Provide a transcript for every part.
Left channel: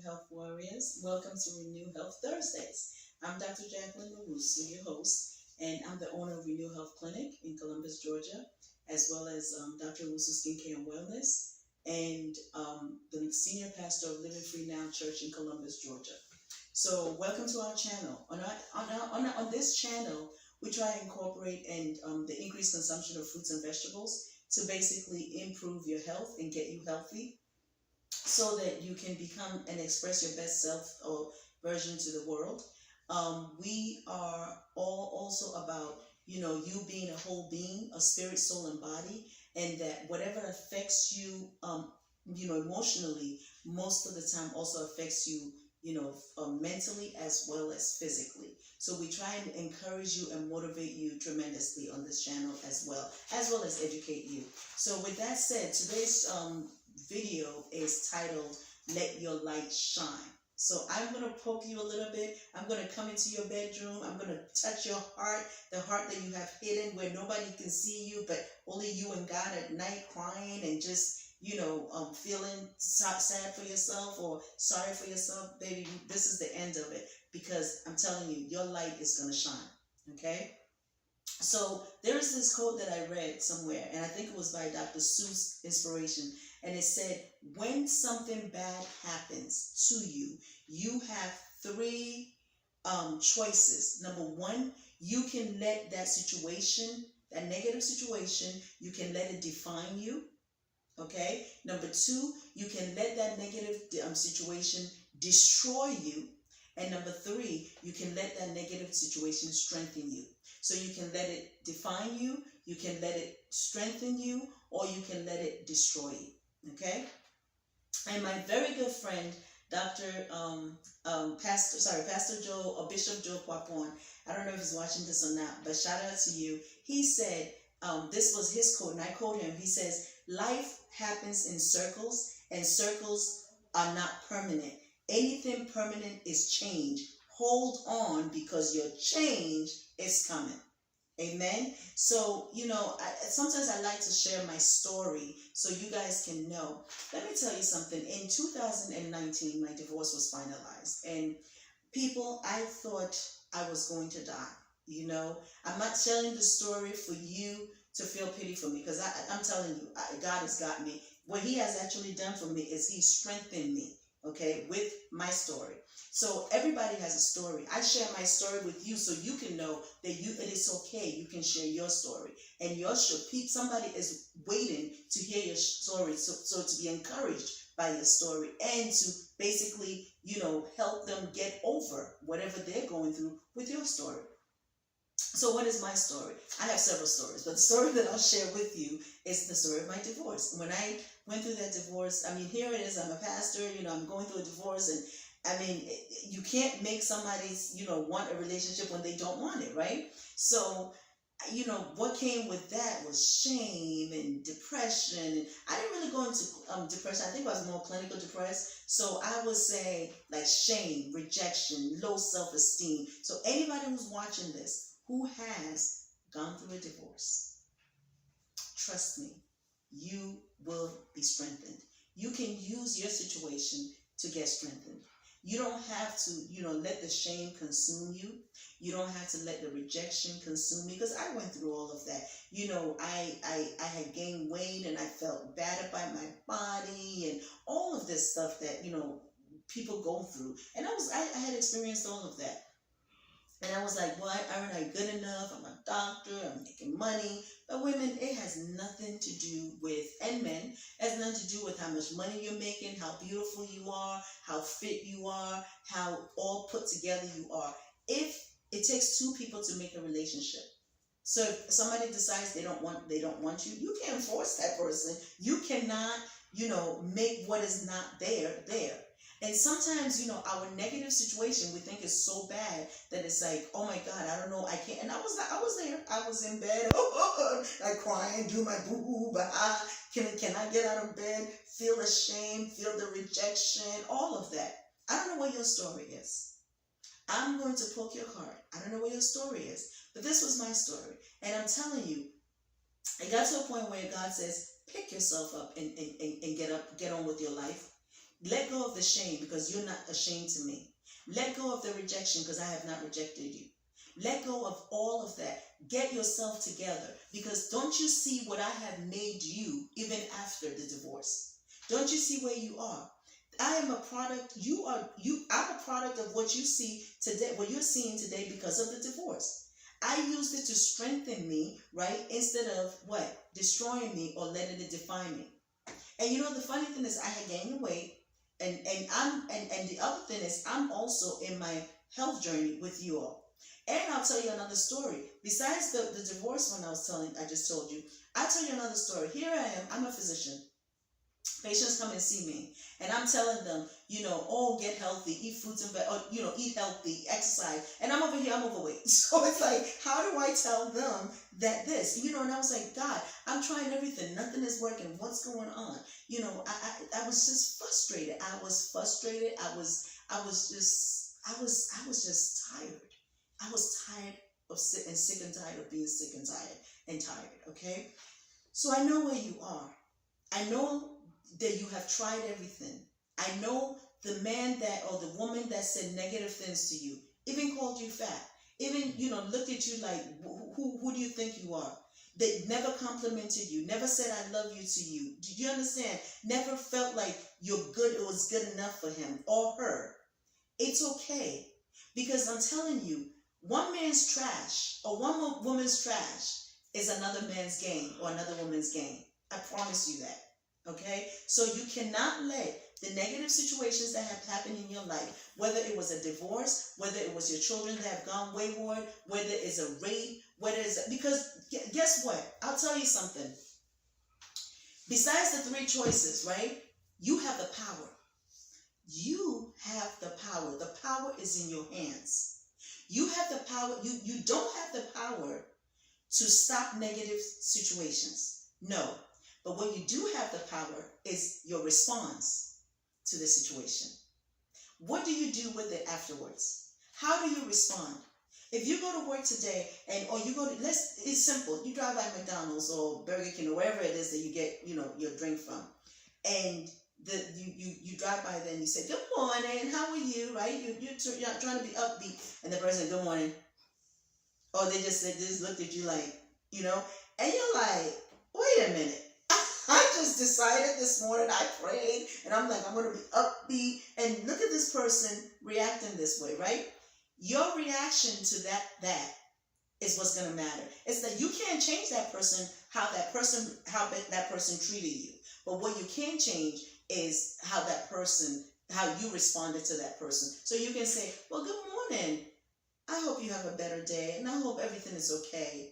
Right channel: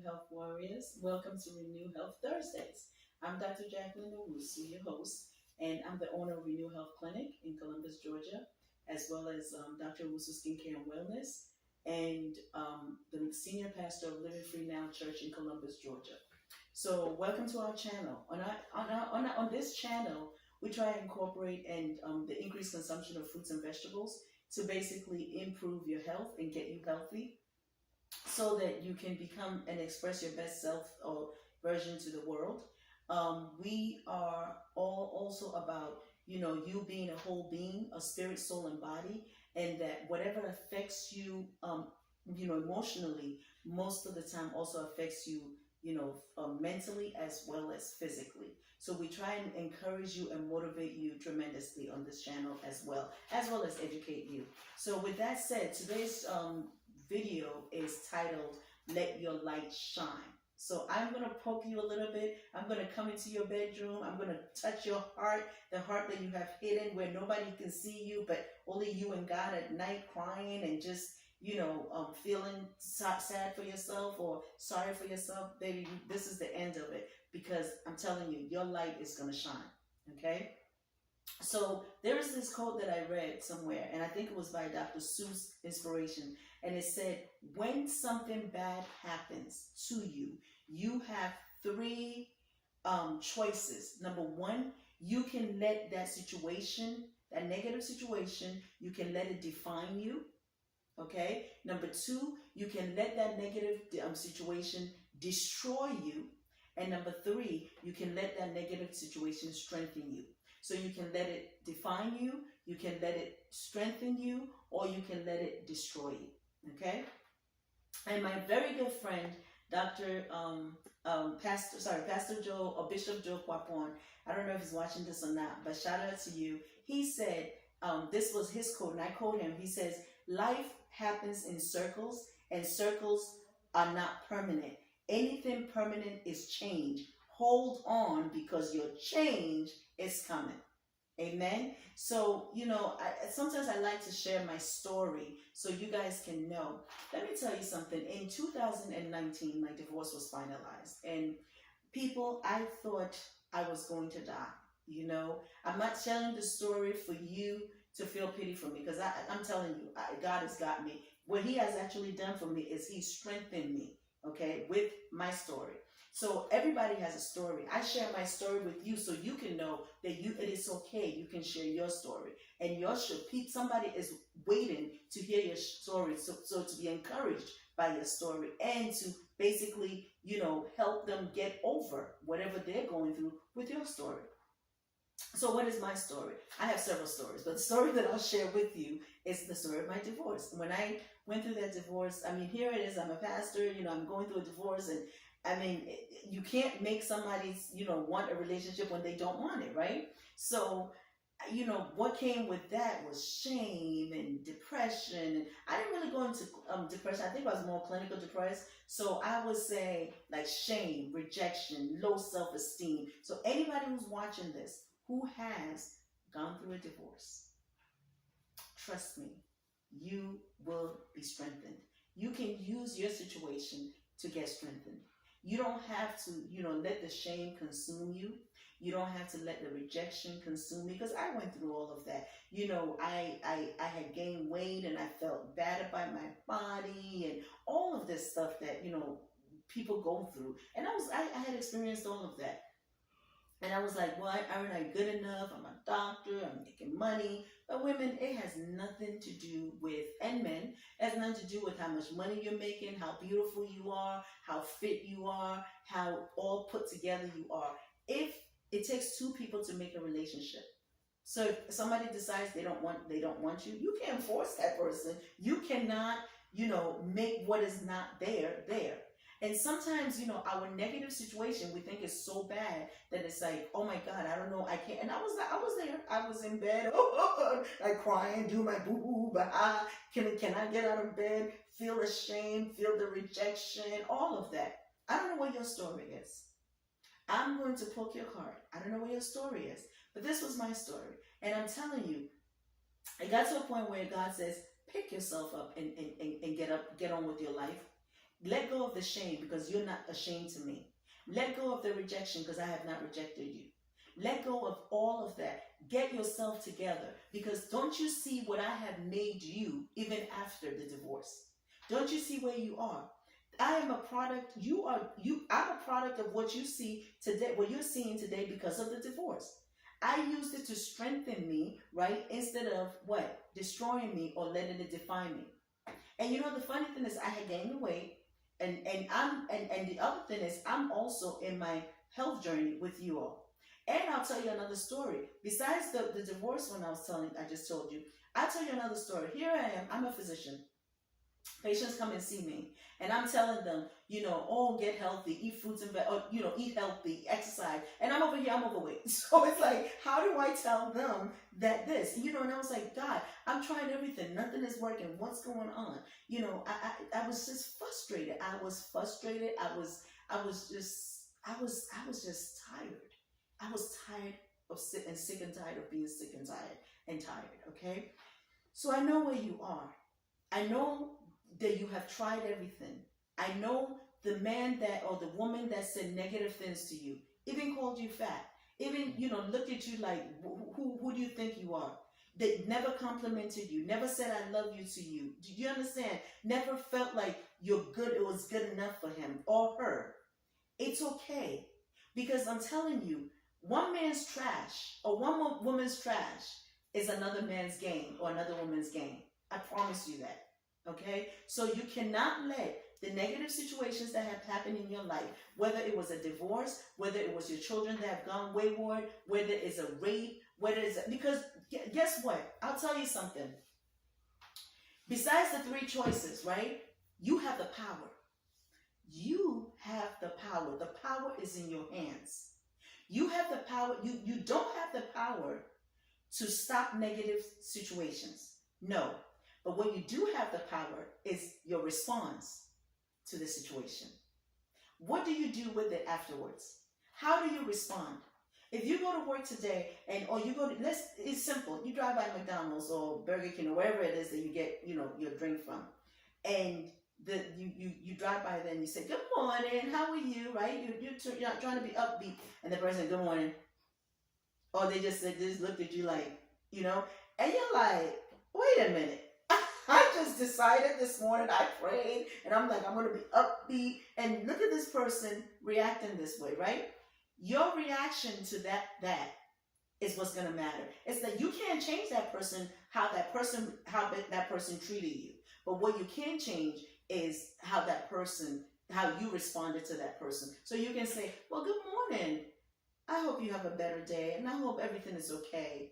Renew Health Warriors. Welcome to Renew Health Thursdays. I'm Dr. Jacqueline Owusu, your host, and I'm the owner of Renew Health Clinic in Columbus, Georgia, as well as Dr. Owusu Skincare and Wellness, and the senior pastor of Living Free Now Church in Columbus, Georgia. So, welcome to our channel. On this channel, we try to incorporate and the increased consumption of fruits and vegetables to basically improve your health and get you healthy so that you can become and express your best self or version to the world. We are all also about, you being a whole being, a spirit, soul, and body, and that whatever affects you, emotionally, most of the time also affects you, mentally as well as physically. So we try and encourage you and motivate you tremendously on this channel as well as educate you. So with that said, today's video is titled Let Your Light Shine. So I'm going to poke you a little bit. I'm going to come into your bedroom. I'm going to touch your heart, the heart that you have hidden where nobody can see you, but only you and God at night, crying and just, feeling sad for yourself or sorry for yourself. Baby, this is the end of it, because I'm telling you, your light is going to shine. Okay? So there is this quote that I read somewhere, and I think it was by Dr. Seuss Inspiration, and it said, when something bad happens to you, you have three choices. Number one, you can let that situation, that negative situation, you can let it define you. Okay? Number two, you can let that negative situation destroy you. And number three, you can let that negative situation strengthen you. So you can let it define you, you can let it strengthen you, or you can let it destroy you. Okay? And my very good friend, Pastor Joe or Bishop Joe Quapon, I don't know if he's watching this or not, but shout out to you. He said, this was his quote, and I quote him. He says, life happens in circles, and circles are not permanent. Anything permanent is change. Hold on, because your change is coming. Amen. So, sometimes I like to share my story so you guys can know. Let me tell you something. In 2019, my divorce was finalized. And people, I thought I was going to die. I'm not telling the story for you to feel pity for me, because I'm telling you, God has got me. What he has actually done for me is he strengthened me, okay, with my story. So everybody has a story. I share my story with you so you can know that it is okay. You can share your story, and somebody is waiting to hear your story. So to be encouraged by your story and to basically, help them get over whatever they're going through with your story. So what is my story? I have several stories, but the story that I'll share with you is the story of my divorce. When I went through that divorce, here it is. I'm a pastor, I'm going through a divorce, and you can't make somebody, want a relationship when they don't want it, right? So, what came with that was shame and depression. And I didn't really go into depression. I think I was more clinical depressed. So I would say like shame, rejection, low self-esteem. So anybody who's watching this, who has gone through a divorce, trust me, you will be strengthened. You can use your situation to get strengthened. You don't have to, let the shame consume you. You don't have to let the rejection consume me, because I went through all of that. I had gained weight and I felt bad about my body and all of this stuff that, people go through. And I had experienced all of that. And I was like, well, aren't I good enough? I'm a doctor, I'm making money. But women, it has nothing to do with, and men, it has nothing to do with how much money you're making, how beautiful you are, how fit you are, how all put together you are. If it takes two people to make a relationship. So if somebody decides they don't want you, you can't force that person. You cannot, make what is not there. And sometimes, our negative situation, we think is so bad that it's like, oh my God, I don't know, I can't. And I was there. I was in bed, like crying, do my boo-hoo, but can I get out of bed? Feel the shame, feel the rejection, all of that. I don't know what your story is. I'm going to poke your heart. I don't know what your story is, but this was my story. And I'm telling you, it got to a point where God says, pick yourself up and get on with your life. Let go of the shame because you're not ashamed to me. Let go of the rejection because I have not rejected you. Let go of all of that. Get yourself together because don't you see what I have made you even after the divorce? Don't you see where you are? I am a product, I'm a product of what you see today, what you're seeing today because of the divorce. I used it to strengthen me, right? Instead of what? Destroying me or letting it define me. And you know the funny thing is I had gained the weight and the other thing is I'm also in my health journey with you all. And I'll tell you another story. Besides the divorce one I just told you, I'll tell you another story. Here I am, I'm a physician. Patients come and see me, and I'm telling them, oh, get healthy, eat fruits and eat healthy, exercise. And I'm over here, I'm overweight. So it's like, how do I tell them that this, and I was like, God, I'm trying everything. Nothing is working. What's going on? I was just frustrated. I was frustrated. I was just tired. I was tired of sick and tired of being sick and tired. Okay. So I know where you are. I know that you have tried everything. I know the man that or the woman that said negative things to you, even called you fat, even looked at you like, who do you think you are? They never complimented you, never said I love you to you. Do you understand? Never felt like you're good, it was good enough for him or her. It's okay. Because I'm telling you, one man's trash or one woman's trash is another man's gain or another woman's gain. I promise you that. Okay? So you cannot let the negative situations that have happened in your life, whether it was a divorce, whether it was your children that have gone wayward, whether it's a rape, because guess what? I'll tell you something. Besides the three choices, right? You have the power. You have the power. The power is in your hands. You have the power. You don't have the power to stop negative situations. No. But what you do have the power is your response to the situation. What do you do with it afterwards? How do you respond? If you go to work today it's simple. You drive by McDonald's or Burger King or wherever it is that you get, your drink from. And you drive by there and you say, good morning, how are you? Right? You're trying to be upbeat. And the person, good morning. Or they just looked at you like, and you're like, wait a minute. I just decided this morning, I prayed, and I'm like, I'm going to be upbeat. And look at this person reacting this way, right? Your reaction to that is what's going to matter. It's that you can't change that person, how that person treated you. But what you can change is how you responded to that person. So you can say, well, good morning. I hope you have a better day, and I hope everything is okay.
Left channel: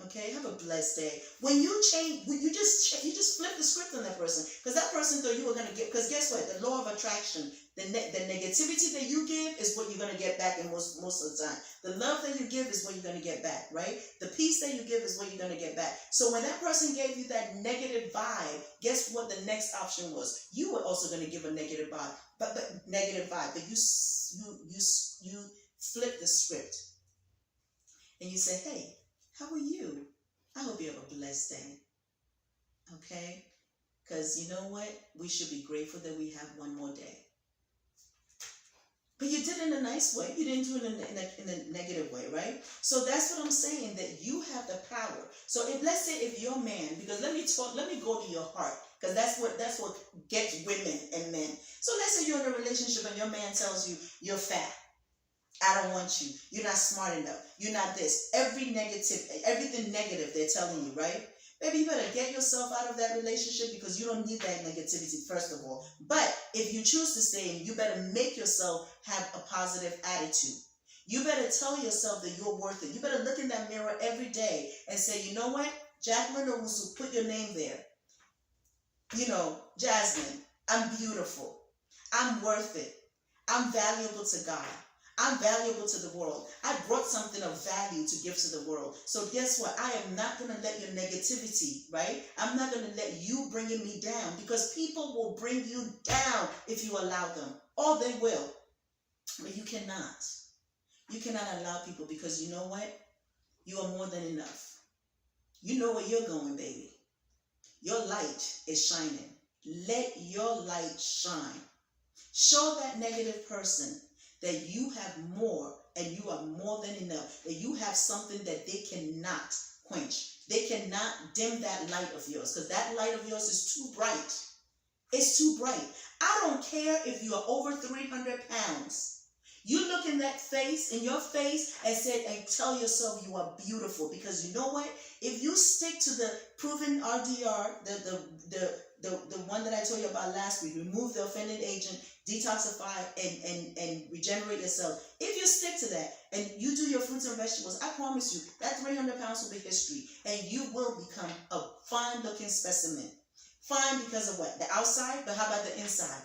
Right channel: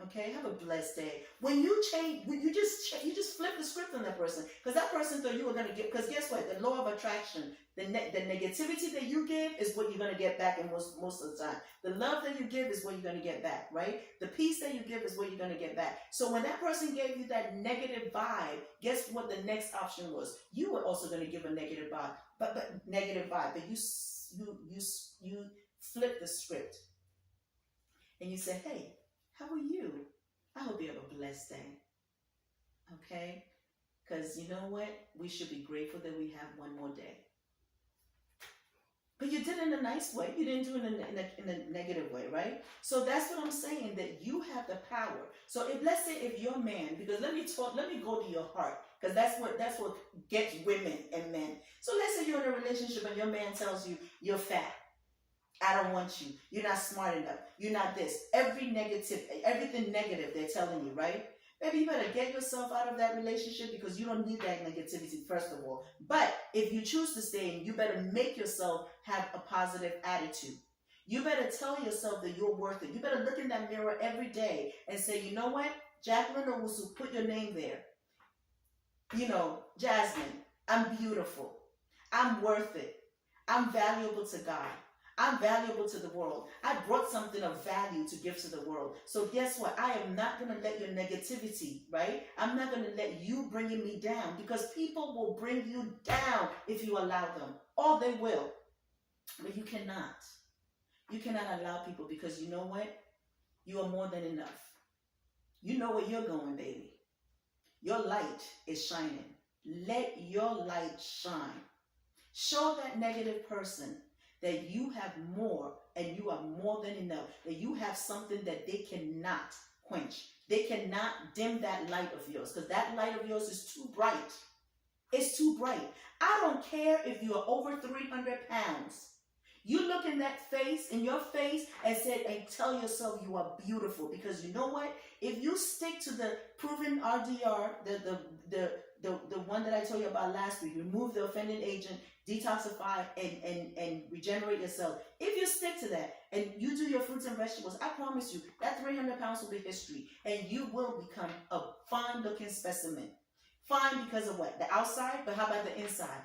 Okay, have a blessed day. When you change, you just flip the script on that person, because that person thought you were gonna get. Because guess what? The law of attraction, the negativity that you give is what you're gonna get back, in most of the time. The love that you give is what you're gonna get back, right? The peace that you give is what you're gonna get back. So when that person gave you that negative vibe, guess what the next option was? You were also gonna give a negative vibe, but you flip the script, and you say, hey, how are you? I hope you have a blessed day. Okay? Because you know what? We should be grateful that we have one more day. But you did it in a nice way. You didn't do it in a negative way, right? So that's what I'm saying, that you have the power. So let's say if your man, because let me go to your heart, because that's what gets women and men. So let's say you're in a relationship and your man tells you you're fat. I don't want you. You're not smart enough. You're not this. Everything negative they're telling you, right? Baby, you better get yourself out of that relationship, because you don't need that negativity, first of all. But if you choose to stay in, you better make yourself have a positive attitude. You better tell yourself that you're worth it. You better look in that mirror every day and say, you know what? Jacqueline Owusu, put your name there. Jasmine, I'm beautiful. I'm worth it. I'm valuable to God. I'm valuable to the world. I brought something of value to give to the world. So guess what? I am not going to let your negativity, right? I'm not going to let you bringing me down, because people will bring you down if you allow them. Or they will. But you cannot. You cannot allow people, because you know what? You are more than enough. You know where you're going, baby. Your light is shining. Let your light shine. Show that negative person that you have more and you are more than enough, that you have something that they cannot quench. They cannot dim that light of yours, because that light of yours is too bright. It's too bright. I don't care if you are over 300 pounds. You look in that face, in your face, and tell yourself you are beautiful. Because you know what? If you stick to the proven RDR, the one that I told you about last week, remove the offending agent, detoxify, and regenerate yourself. If you stick to that and you do your fruits and vegetables, I promise you that 300 pounds will be history, and you will become a fine-looking specimen. Fine because of what? The outside, but how about the inside?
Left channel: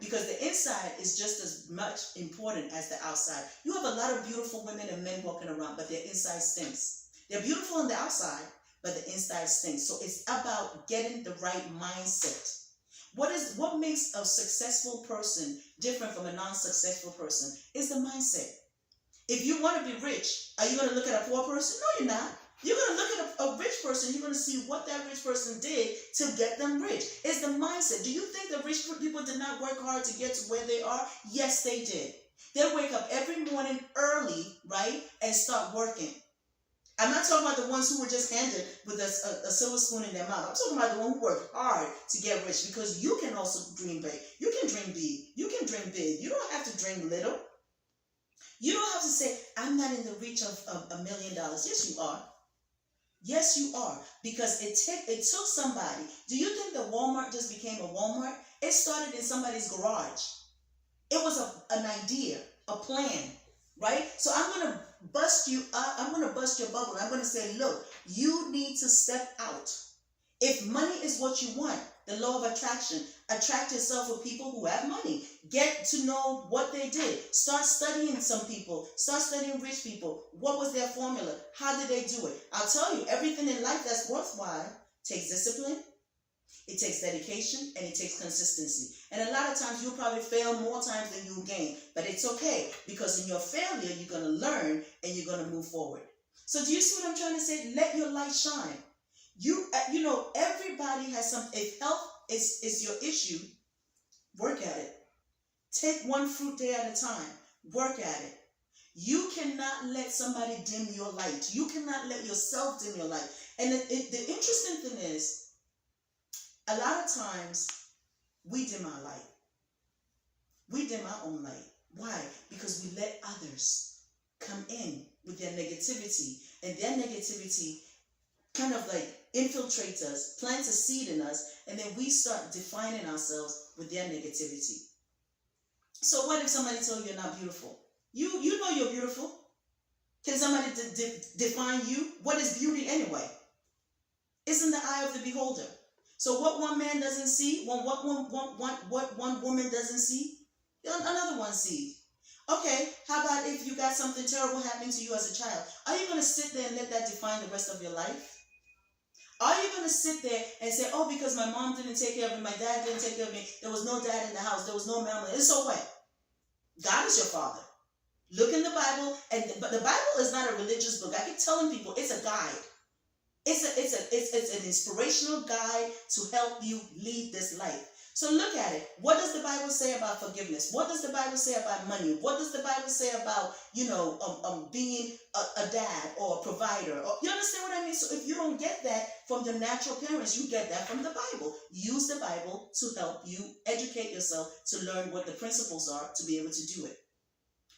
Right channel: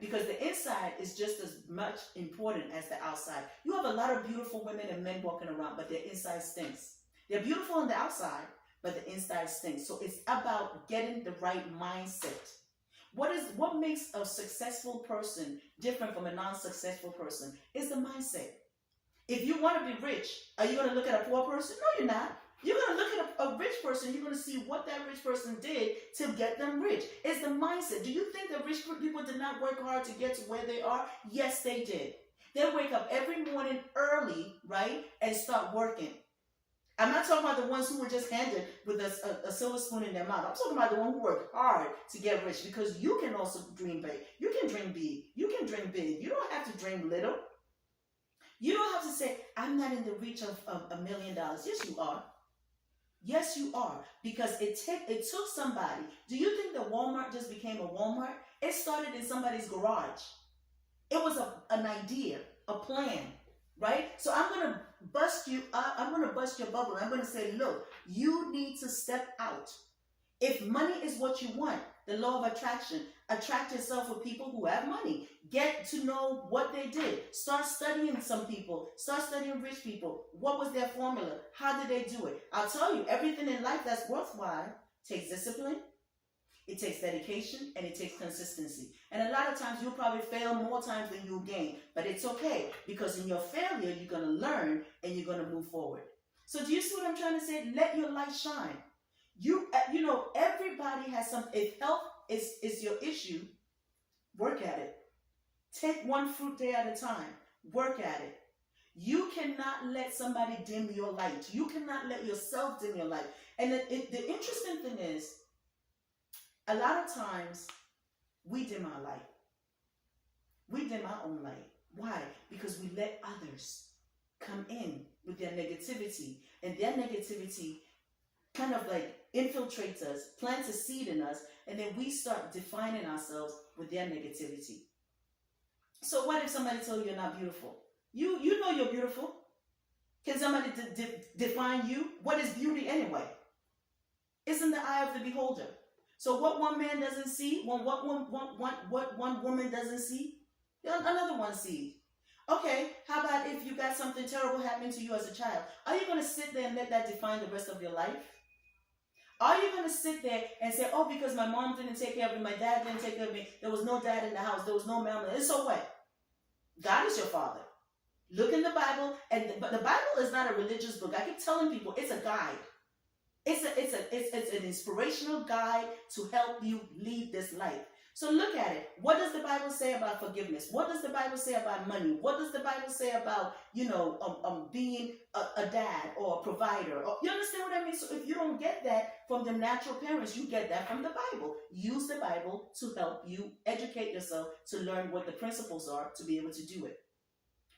Because the inside is just as much important as the outside. You have a lot of beautiful women and men walking around, but their inside stinks. They're beautiful on the outside, but the inside stinks. So it's about getting the right mindset. What makes a successful person different from a non-successful person is the mindset. If you want to be rich, are you going to look at a poor person? No, you're not. You're going to look at a rich person. You're going to see what that rich person did to get them rich. It's the mindset. Do you think the rich people did not work hard to get to where they are? Yes, they did. They wake up every morning early, right, and start working. I'm not talking about the ones who were just handed with a silver spoon in their mouth. I'm talking about the one who worked hard to get rich, because you can also dream big. You can dream big. You can dream big. You don't have to dream little. You don't have to say, I'm not in the reach of $1 million. Yes, you are. Yes, you are. Because it took somebody. Do you think that Walmart just became a Walmart? It started in somebody's garage. It was an idea, a plan, right? So I'm going to bust you up. I'm going to bust your bubble. I'm going to say, look, you need to step out. If money is what you want, the law of attraction, attract yourself with people who have money. Get to know what they did. Start studying some people. Start studying rich people. What was their formula? How did they do it? I'll tell you, everything in life that's worthwhile takes discipline, it takes dedication, and it takes consistency. And a lot of times you'll probably fail more times than you'll gain. But it's okay, because in your failure, you're going to learn and you're going to move forward. So do you see what I'm trying to say? Let your light shine. You know, everybody has something. If health is your issue, work at it. Take one fruit day at a time. Work at it. You cannot let somebody dim your light. You cannot let yourself dim your light. And the interesting thing is, a lot of times we dim our light. We dim our own light. Why? Because we let others come in with their negativity, and their negativity kind of like infiltrates us, plants a seed in us, and then we start defining ourselves with their negativity. So what if somebody told you you're not beautiful? You know you're beautiful. Can somebody define you? What is beauty anyway? It's in the eye of the beholder. So what one man doesn't see, what one woman doesn't see, another one sees. Okay, how about if you got something terrible happening to you as a child? Are you going to sit there and let that define the rest of your life? Are you going to sit there and say, oh, because my mom didn't take care of me, my dad didn't take care of me, there was no dad in the house, there was no mom, and so what? God is your father. Look in the Bible, but the Bible is not a religious book. I keep telling people it's a guide. It's an inspirational guide to help you lead this life. So look at it. What does the Bible say about forgiveness? What does the Bible say about money? What does the Bible say about, being a dad or a provider? You understand what I mean? So if you don't get that from your natural parents, you get that from the Bible. Use the Bible to help you educate yourself, to learn what the principles are, to be able to do it.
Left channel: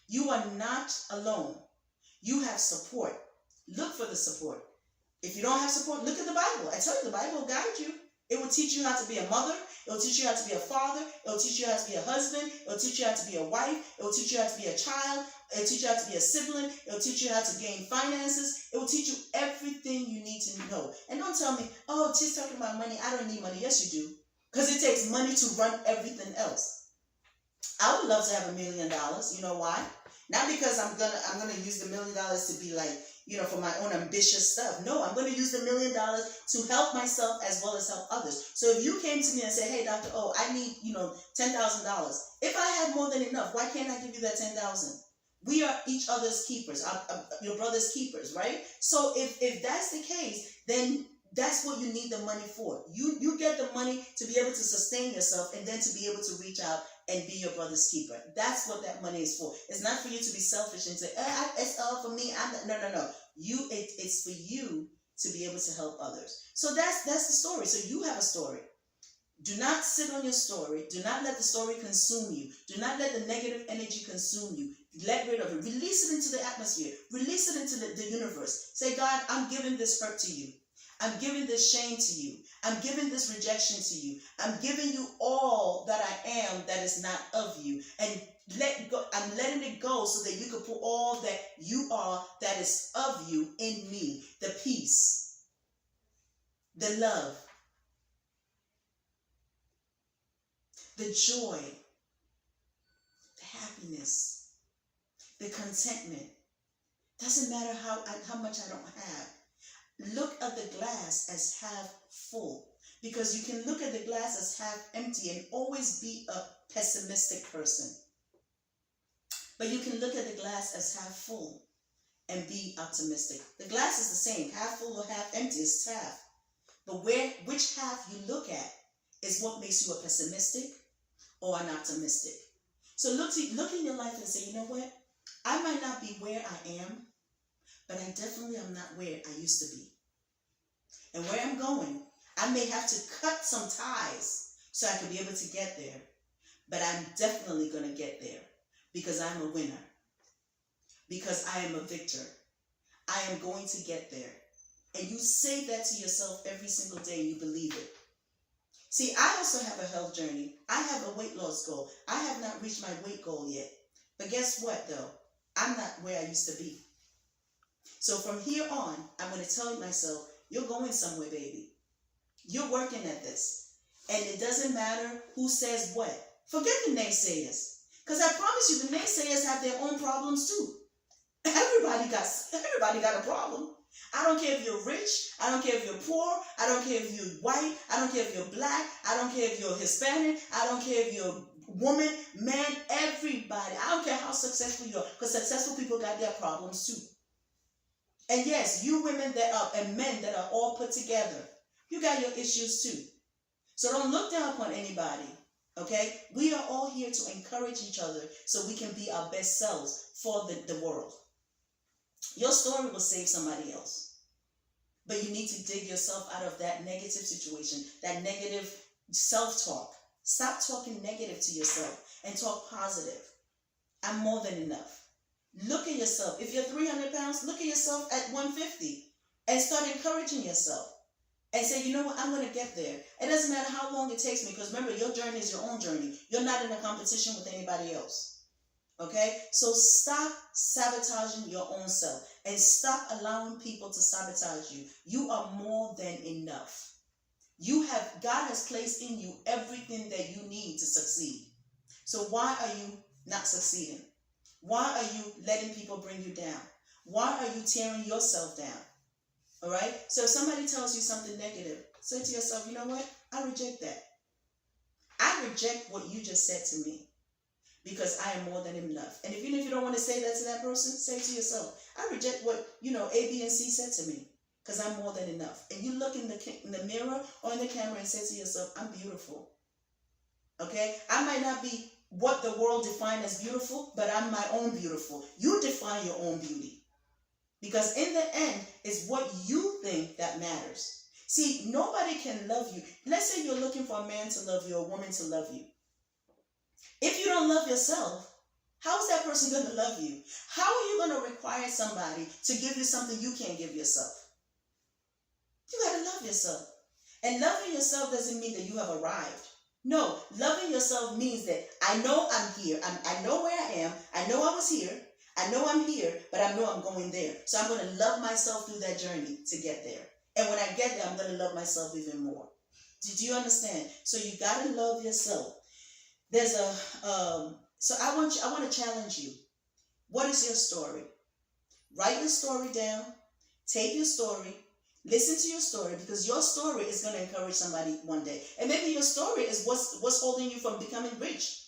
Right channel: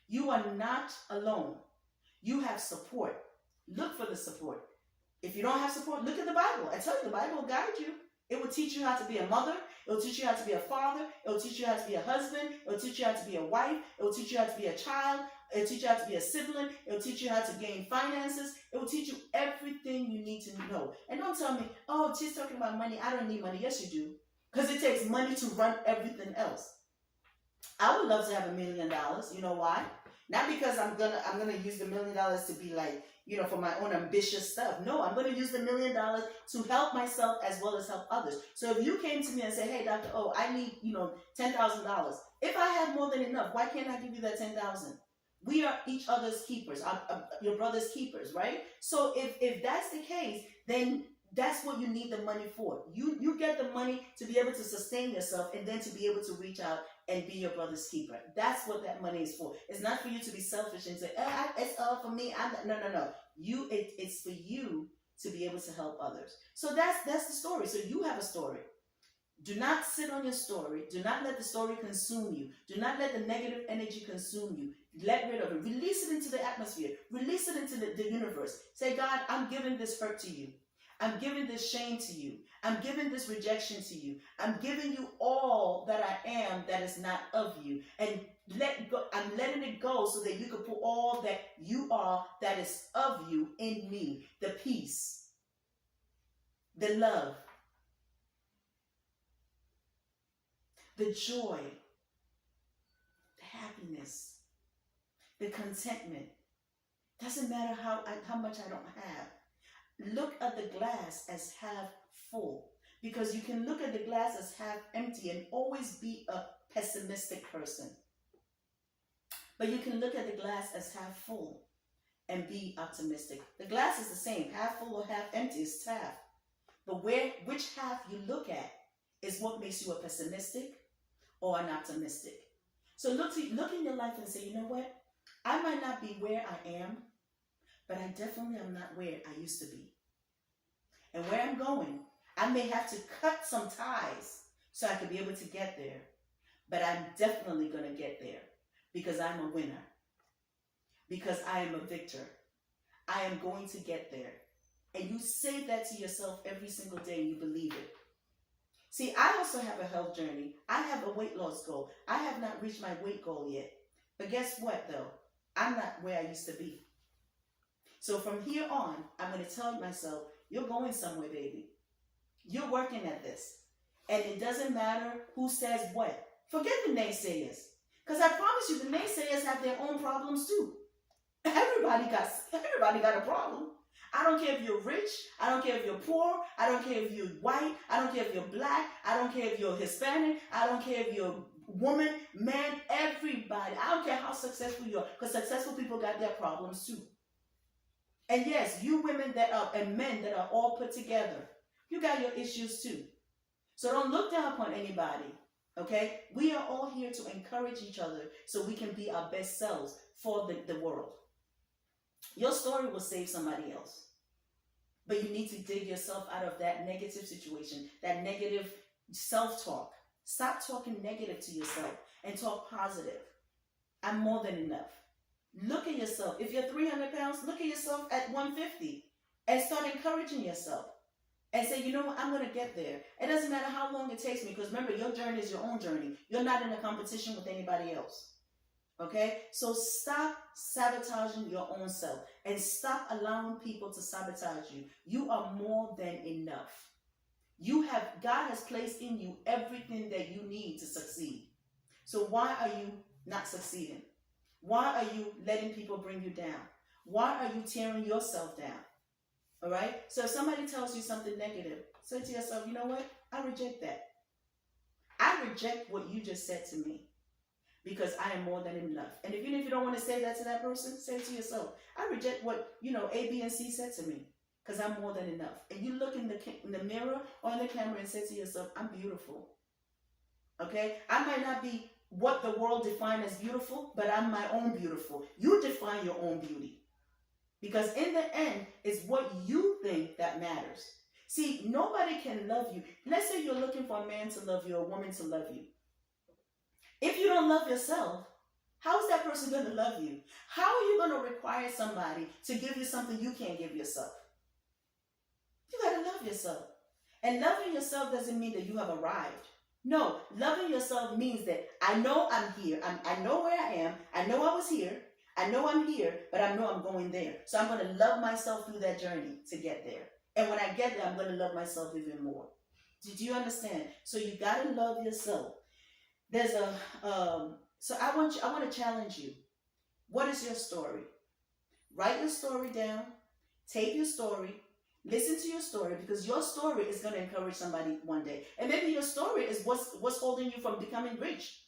You are not alone. You have support. Look for the support. If you don't have support, look at the Bible. I tell you, the Bible will guide you. It will teach you how to be a mother. It will teach you how to be a father. It will teach you how to be a husband. It will teach you how to be a wife. It will teach you how to be a child. It will teach you how to be a sibling. It will teach you how to gain finances. It will teach you everything you need to know. And don't tell me, oh, she's talking about money. I don't need money. Yes, you do. Because it takes money to run everything else. I would love to have $1 million. You know why? Not because I'm gonna use the $1 million to be like, for my own ambitious stuff. No, I'm going to use the $1 million to help myself as well as help others. So if you came to me and said, hey, Dr. O, I need, $10,000. If I had more than enough, why can't I give you that $10,000? We are each other's keepers, your brother's keepers, right? So if that's the case, then that's what you need the money for. You get the money to be able to sustain yourself and then to be able to reach out and be your brother's keeper. That's what that money is for. It's not for you to be selfish and say, it's all for me. No. It's for you to be able to help others. So that's the story. So you have a story. Do not sit on your story. Do not let the story consume you. Do not let the negative energy consume you. Let rid of it. Release it into the atmosphere. Release it into the universe. Say, God, I'm giving this hurt to you. I'm giving this shame to you. I'm giving this rejection to you. I'm giving you all that I am that is not of you. And let go. I'm letting it go so that you can put all that you are that is of you in me. The peace, the love, the joy, the happiness, the contentment. Doesn't matter how much I don't have. Look at the glass as half full, because you can look at the glass as half empty and always be a pessimistic person. But you can look at the glass as half full and be optimistic. The glass is the same, half full or half empty, is half. But which half you look at is what makes you a pessimistic or an optimistic. So look in your life and say, you know what? I might not be where I am, but I definitely am not where I used to be. And where I'm going, I may have to cut some ties so I could be able to get there. But I'm definitely going to get there because I'm a winner. Because I am a victor. I am going to get there. And you say that to yourself every single day and you believe it. See, I also have a health journey. I have a weight loss goal. I have not reached my weight goal yet. But guess what, though? I'm not where I used to be. So from here on, I'm going to tell myself, you're going somewhere, baby. You're working at this. And it doesn't matter who says what. Forget the naysayers. Because I promise you, the naysayers have their own problems too. Everybody got a problem. I don't care if you're rich. I don't care if you're poor. I don't care if you're white. I don't care if you're black. I don't care if you're Hispanic. I don't care if you're woman, man, everybody. I don't care how successful you are, because successful people got their problems too. And yes, you women and men that are all put together, you got your issues too. So don't look down upon anybody, okay? We are all here to encourage each other so we can be our best selves for the world. Your story will save somebody else. But you need to dig yourself out of that negative situation, that negative self-talk. Stop talking negative to yourself and talk positive. I'm more than enough. Look at yourself. If you're 300 pounds, look at yourself at 150 and start encouraging yourself and say, you know what, I'm going to get there. It doesn't matter how long it takes me, because remember, your journey is your own journey. You're not in a competition with anybody else. Okay? So stop sabotaging your own self and stop allowing people to sabotage you. You are more than enough. God has placed in you everything that you need to succeed. So why are you not succeeding? Why are you letting people bring you down? Why are you tearing yourself down? All right? So if somebody tells you something negative, say to yourself, you know what? I reject that. I reject what you just said to me, because I am more than enough. And even if you don't want to say that to that person, say to yourself, I reject what, A, B, and C said to me, because I'm more than enough. And you look in the mirror or in the camera and say to yourself, I'm beautiful. Okay? I might not be what the world defined as beautiful, but I'm my own beautiful. You define your own beauty. Because in the end, it's what you think that matters. See, nobody can love you. Let's say you're looking for a man to love you, or a woman to love you. If you don't love yourself, how is that person going to love you? How are you going to require somebody to give you something you can't give yourself? You got to love yourself. And loving yourself doesn't mean that you have arrived. No, loving yourself means that I know I'm here. I know where I am. I know I was here. I know I'm here, but I know I'm going there. So I'm going to love myself through that journey to get there. And when I get there, I'm going to love myself even more. Did you understand? So you got to love yourself. There's so I want to challenge you. What is your story? Write your story down. Tape your story. Listen to your story, because your story is going to encourage somebody one day. And maybe your story is what's holding you from becoming rich.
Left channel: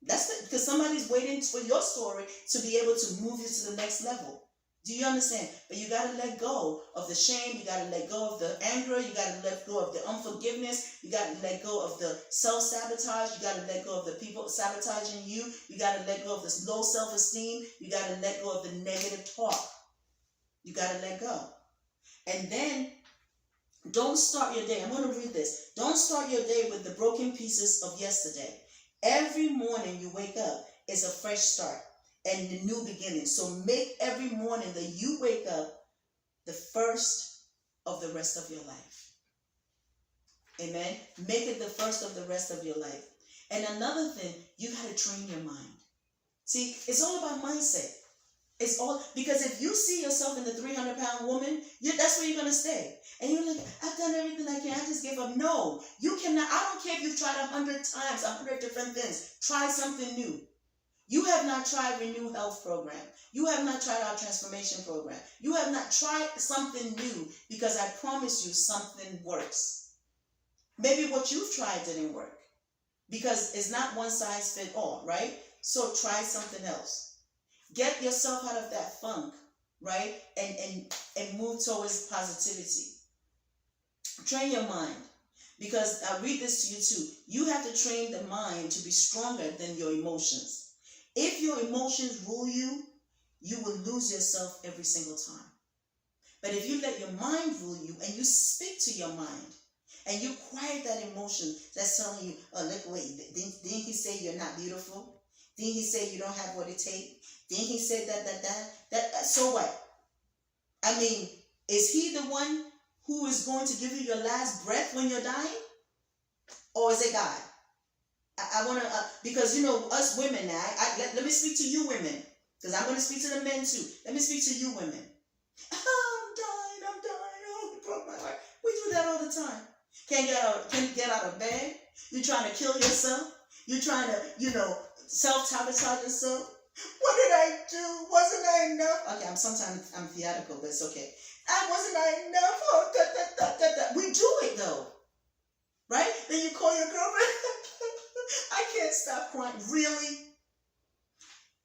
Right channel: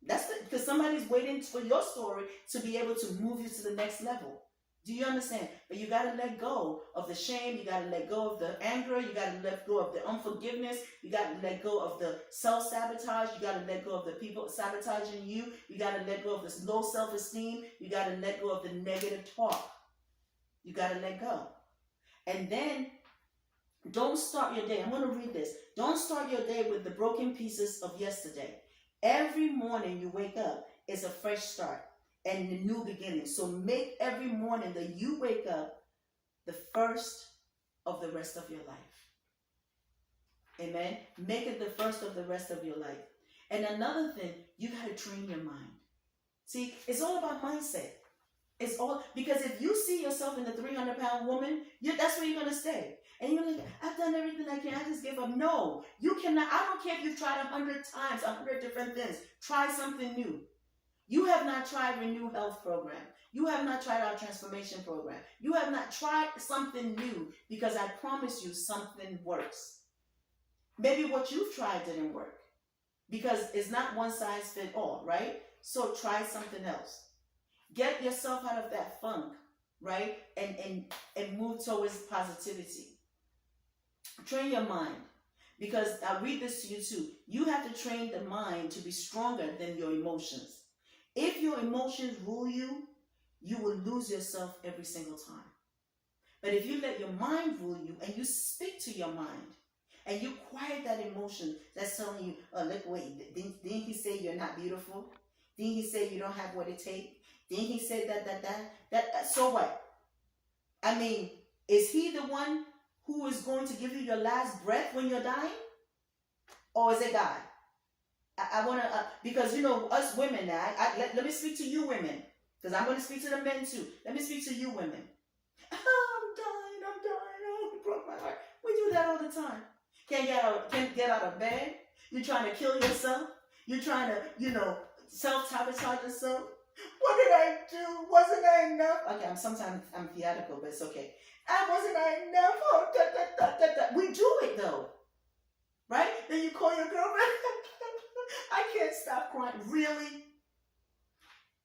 Because somebody's waiting for your story to be able to move you to the next level. Do you understand? But you got to let go of the shame. You got to let go of the anger. You got to let go of the unforgiveness. You got to let go of the self-sabotage. You got to let go of the people sabotaging you. You got to let go of this low self-esteem. You got to let go of the negative talk. You got to let go. And then don't start your day. I'm going to read this. Don't start your day with the broken pieces of yesterday. Every morning you wake up, it's a fresh start and a new beginning. So make every morning that you wake up the first of the rest of your life. Amen. Make it the first of the rest of your life. And another thing, you got to train your mind. See, it's all about mindset. It's all because if you see yourself in the 300-pound woman, that's where you're going to stay. And you're like, I've done everything I can. I just give up. No, you cannot. I don't care if you've tried 100 times, 100 different things. Try something new. You have not tried Renew Health Program. You have not tried our transformation program. You have not tried something new because I promise you something works. Maybe what you've tried didn't work because it's not one size fit all, right? So try something else. Get yourself out of that funk, right? And move towards positivity. Train your mind. Because I read this to you too. You have to train the mind to be stronger than your emotions. If your emotions rule you, you will lose yourself every single time. But if you let your mind rule you and you speak to your mind and you quiet that emotion that's telling you, oh, look, wait, didn't he say you're not beautiful? Didn't he say you don't have what it takes? Didn't he say that? So what? I mean, is he the one who is going to give you your last breath when you're dying? Or is it God? I want to, because, you know, us women now, let me speak to you women, because I'm going to speak to the men too. Let me speak to you women. Oh, I'm dying, oh, you broke my heart. We do that all the time. Can't get out of bed. You're trying to kill yourself. You're trying to, self-sabotage yourself. What did I do? Wasn't I enough? Okay, sometimes I'm theatrical, but it's okay. Wasn't I enough? Oh, We do it though. Right? Then you call your girlfriend. I can't stop crying. Really?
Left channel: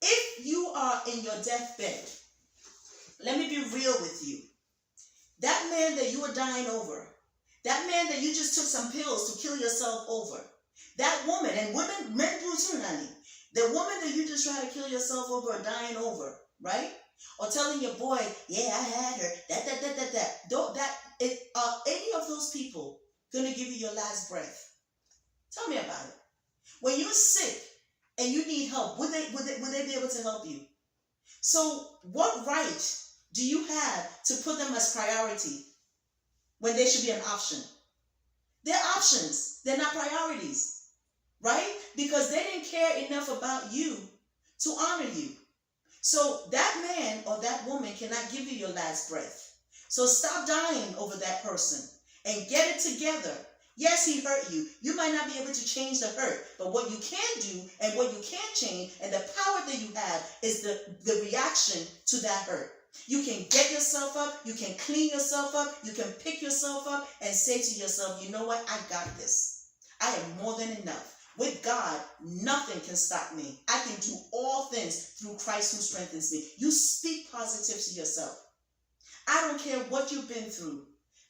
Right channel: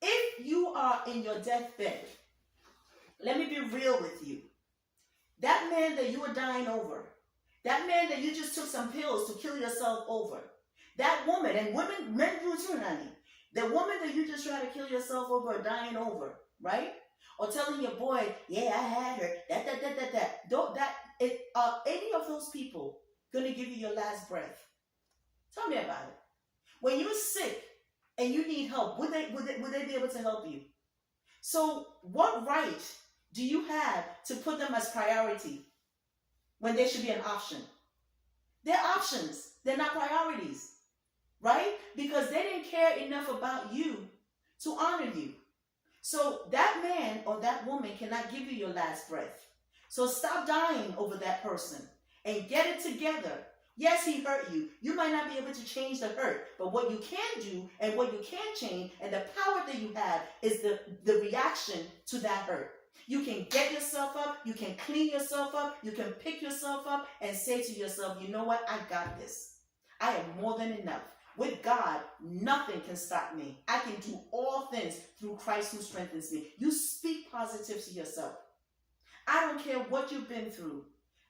If you are in your deathbed, let me be real with you. That man that you were dying over, that man that you just took some pills to kill yourself over, that woman, and men do too, honey. The woman that you just try to kill yourself over or dying over, right? Or telling your boy, yeah, I had her, are any of those people going to give you your last breath? Tell me about it. When you're sick and you need help, would they be able to help you? So what right do you have to put them as priority when they should be an option? They're options. They're not priorities, right? Because they didn't care enough about you to honor you. So that man or that woman cannot give you your last breath. So stop dying over that person and get it together. Yes, he hurt you. You might not be able to change the hurt, but what you can do and what you can change and the power that you have is the reaction to that hurt. You can get yourself up. You can clean yourself up. You can pick yourself up and say to yourself, you know what? I got this. I am more than enough. With God, nothing can stop me. I can do all things through Christ who strengthens me. You speak positive to yourself. I don't care what you've been through.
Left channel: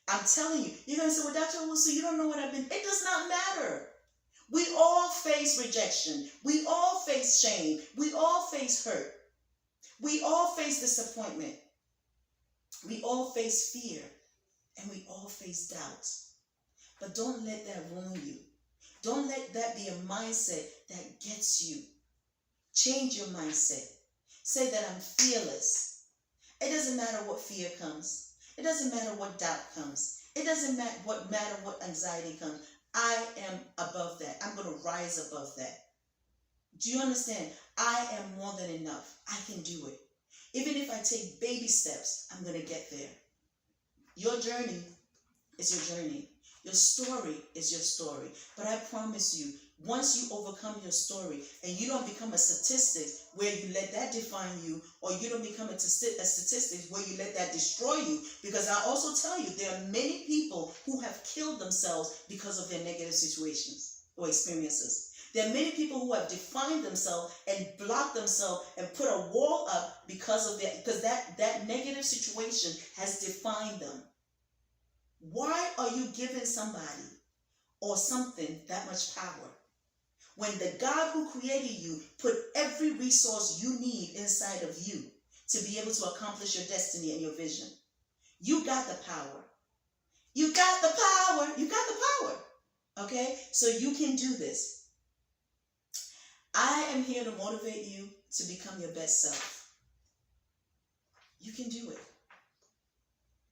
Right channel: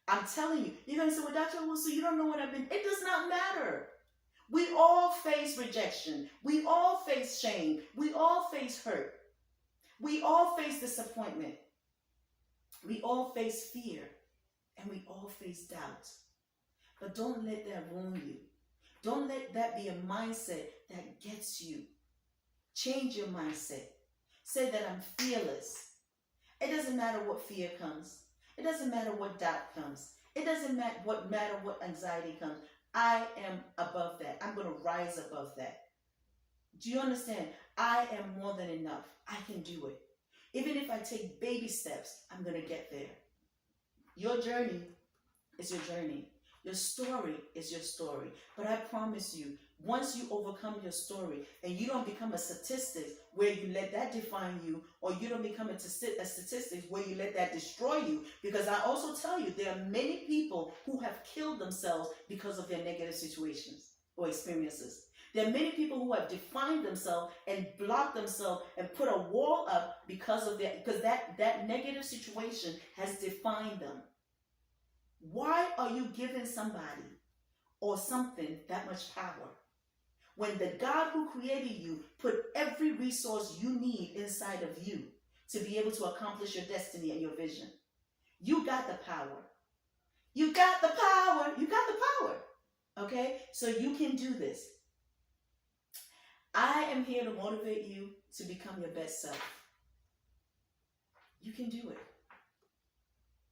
I'm telling you, you're going to say, well, Dr. Owusu, you don't know what I've been. It does not matter. We all face rejection. We all face shame. We all face hurt. We all face disappointment. We all face fear. And we all face doubt. But don't let that ruin you. Don't let that be a mindset that gets you. Change your mindset. Say that I'm fearless. It doesn't matter what fear comes. It doesn't matter what doubt comes. It doesn't matter what anxiety comes. I am above that. I'm going to rise above that. Do you understand? I am more than enough. I can do it. Even if I take baby steps, I'm going to get there. Your journey is your journey. Your story is your story. But I promise you, once you overcome your story and you don't become a statistic where you let that define you, or you don't become a statistic where you let that destroy you, because I also tell you there are many people who have killed themselves because of their negative situations or experiences. There are many people who have defined themselves and blocked themselves and put a wall up because of that negative situation has defined them. Why are you giving somebody or something that much power when the God who created you put every resource you need inside of you to be able to accomplish your destiny and your vision? You got the power. You got the power. You got the power. Okay? So you can do this. I am here to motivate you to become your best self. You can do it.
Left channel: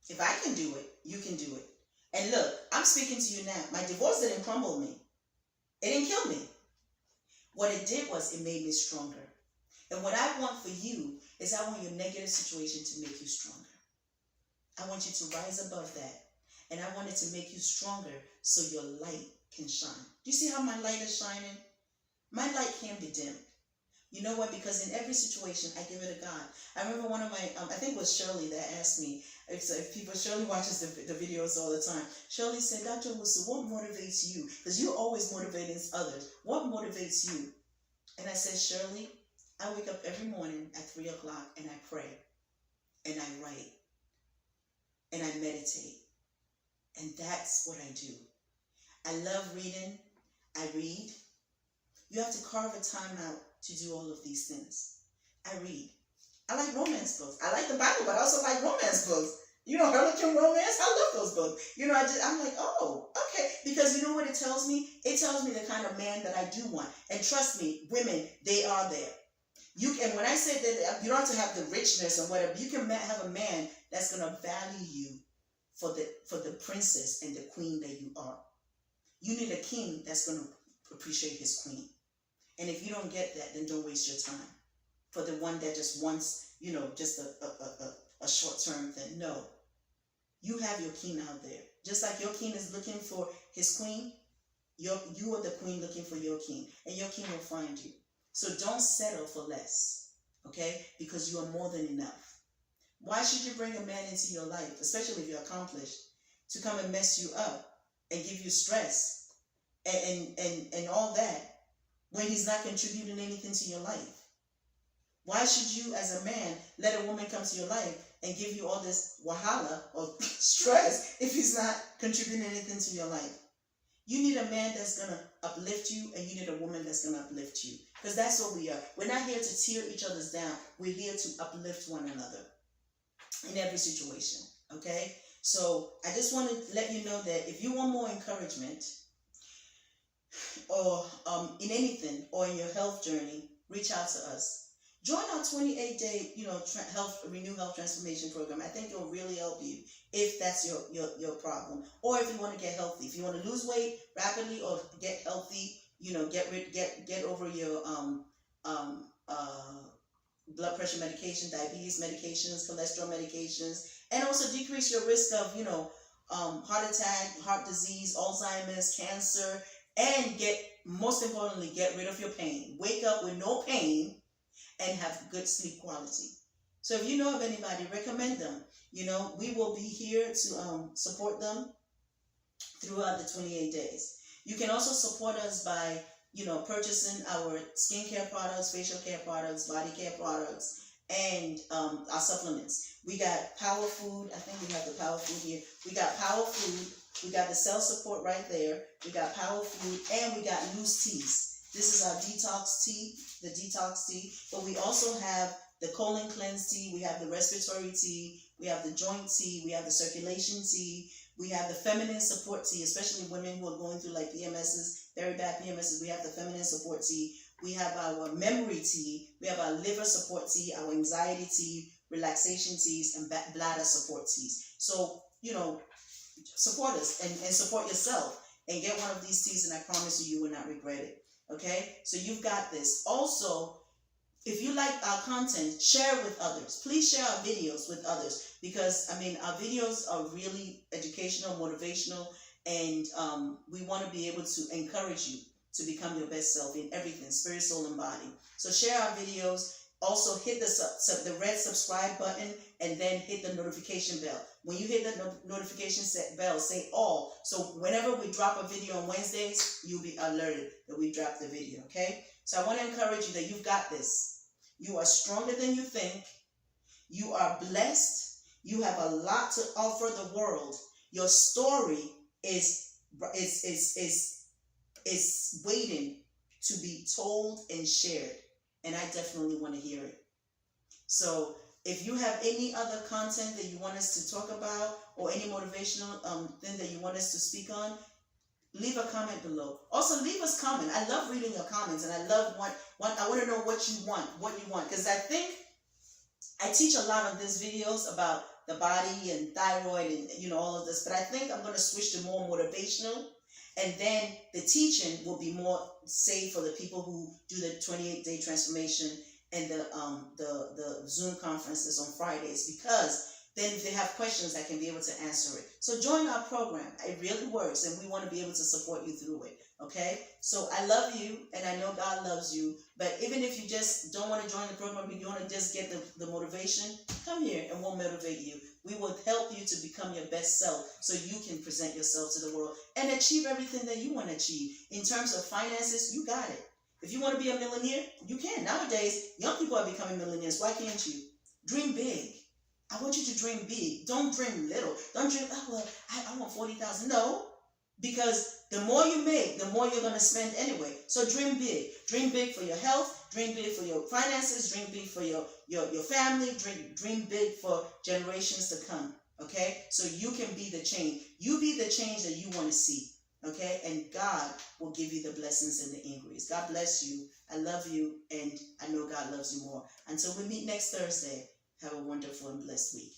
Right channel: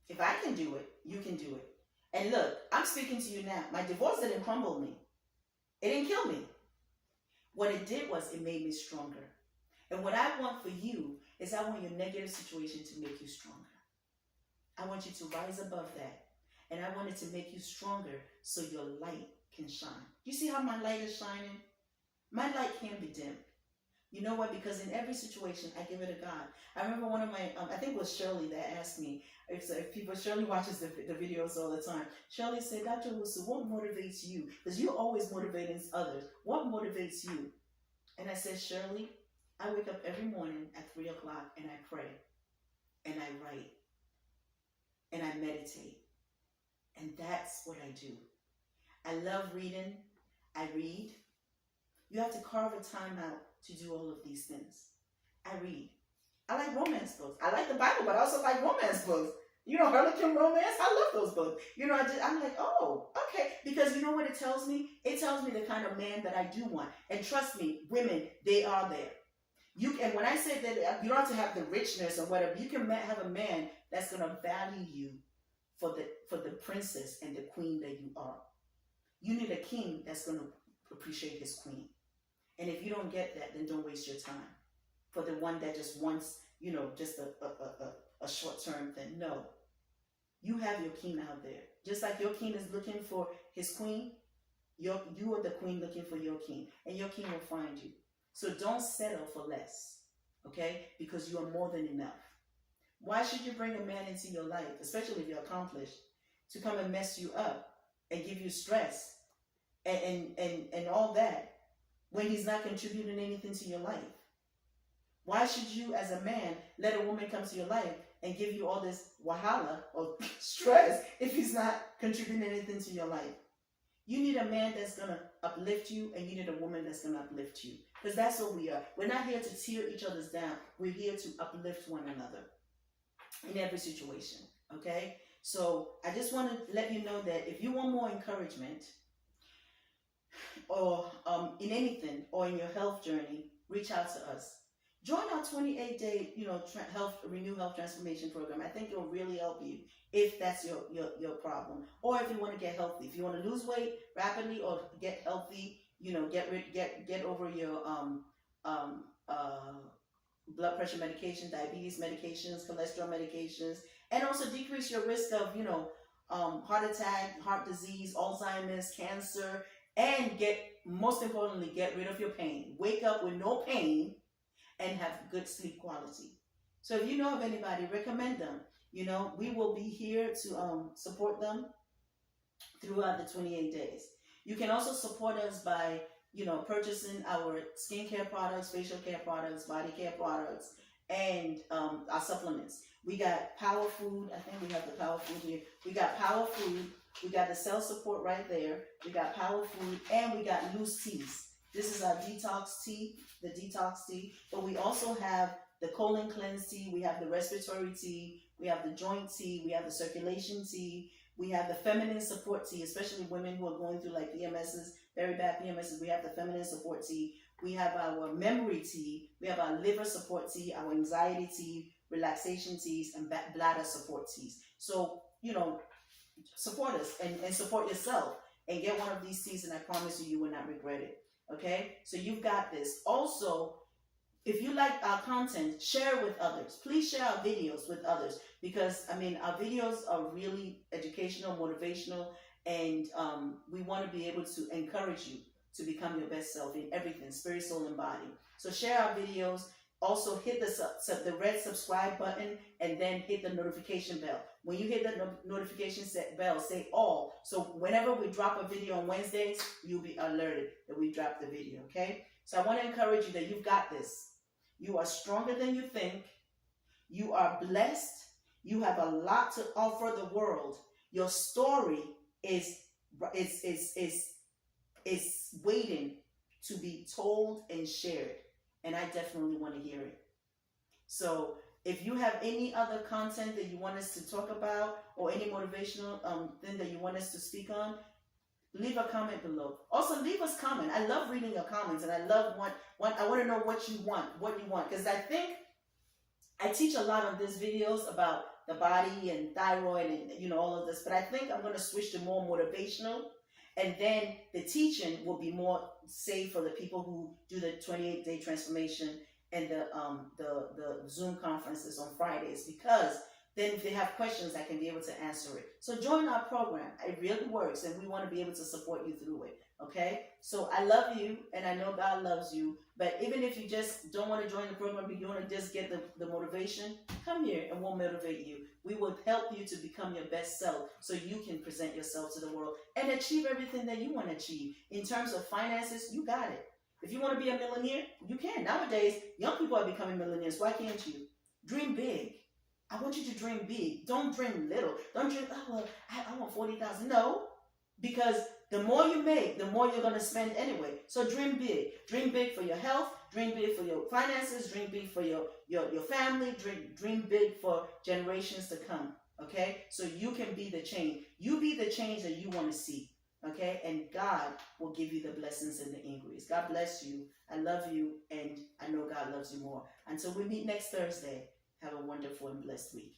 If I can do it, you can do it. And look, I'm speaking to you now. My divorce didn't crumble me. It didn't kill me. What it did was it made me stronger. And what I want for you is I want your negative situation to make you stronger. I want you to rise above that. And I want it to make you stronger so your light can shine. Do you see how my light is shining? My light can't be dimmed. You know what? Because in every situation, I give it to God. I remember one of my, I think it was Shirley that asked me, Shirley watches the videos all the time. Shirley said, Dr. Owusu, what motivates you? Because you're always motivating others. What motivates you? And I said, Shirley, I wake up every morning at 3 o'clock and I pray and I write and I meditate. And that's what I do. I love reading. I read. You have to carve a time out to do all of these things. I read. I like romance books. I like the Bible, but I also like romance books. You know, Harlequin romance. I love those books. You know, I'm like, oh, okay. Because you know what it tells me? It tells me the kind of man that I do want. And trust me, women, they are there. And when I say that, you don't have to have the richness or whatever. You can have a man that's going to value you for the princess and the queen that you are. You need a king that's going to appreciate his queen. And if you don't get that, then don't waste your time for the one that just wants, you know, just a short-term thing. No. You have your king out there. Just like your king is looking for his queen, you are the queen looking for your king. And your king will find you. So don't settle for less, okay? Because you are more than enough. Why should you bring a man into your life, especially if you're accomplished, to come and mess you up and give you stress and all that, when he's not contributing anything to your life? Why should you, as a man, let a woman come to your life and give you all this wahala or stress if he's not contributing anything to your life? You need a man that's going to uplift you, and you need a woman that's going to uplift you. Because that's what we are. We're not here to tear each other's down. We're here to uplift one another in every situation, okay? So I just want to let you know that if you want more encouragement, or in anything, or in your health journey, reach out to us. Join our 28-day, Renew Health Transformation Program. I think it'll really help you if that's your problem, or if you want to get healthy. If you want to lose weight rapidly or get healthy, get over your blood pressure medication, diabetes medications, cholesterol medications, and also decrease your risk of heart attack, heart disease, Alzheimer's, cancer. And most importantly, get rid of your pain. Wake up with no pain and have good sleep quality. So if you know of anybody, recommend them. We will be here to support them throughout the 28 days. You can also support us by, purchasing our skincare products, facial care products, body care products, and our supplements. We got Power Food. I think we have the Power Food here. We got Power Food. We got the cell support right there. We got Power Food, and we got loose teas. This is our detox tea, the detox tea. But we also have the colon cleanse tea. We have the respiratory tea. We have the joint tea. We have the circulation tea. We have the feminine support tea, especially women who are going through like PMSs, very bad PMSs. We have the feminine support tea. We have our memory tea. We have our liver support tea, our anxiety tea, relaxation teas, and bladder support teas. So, support us and support yourself and get one of these teas, and I promise you will not regret it. Okay? So you've got this. Also, if you like our content, share with others. Please share our videos with others, because our videos are really educational, motivational, and we want to be able to encourage you to become your best self in everything, spirit, soul, and body. So share our videos. Also hit the red subscribe button and then hit the notification bell. When you hit the notification bell, say all. So whenever we drop a video on Wednesdays, you'll be alerted that we dropped the video, okay? So I want to encourage you that you've got this. You are stronger than you think. You are blessed. You have a lot to offer the world. Your story is waiting to be told and shared. And I definitely want to hear it. So if you have any other content that you want us to talk about or any motivational thing that you want us to speak on, leave a comment below. Also, leave us comment. I love reading your comments, and I love I want to know what you want, because I think I teach a lot of these videos about the body and thyroid and all of this, but I think I'm going to switch to more motivational. And then the teaching will be more safe for the people who do the 28-day transformation and the Zoom conferences on Fridays, because then if they have questions, I can be able to answer it. So join our program. It really works, and we want to be able to support you through it, okay? So I love you, and I know God loves you, but even if you just don't want to join the program, but you want to just get the motivation, come here and we'll motivate you. We will help you to become your best self so you can present yourself to the world and achieve everything that you want to achieve. In terms of finances, you got it. If you want to be a millionaire, you can. Nowadays, young people are becoming millionaires. Why can't you? Dream big. I want you to dream big. Don't dream little. Don't dream, oh, well, I want 40,000. No, because the more you make, the more you're going to spend anyway. So dream big. Dream big for your health. Dream big for your finances. Dream big for your family. Dream big for generations to come. Okay? So you can be the change. You be the change that you want to see. Okay? And God will give you the blessings and the increase. God bless you. I love you, and I know God loves you more. Until we meet next Thursday, have a wonderful and blessed week.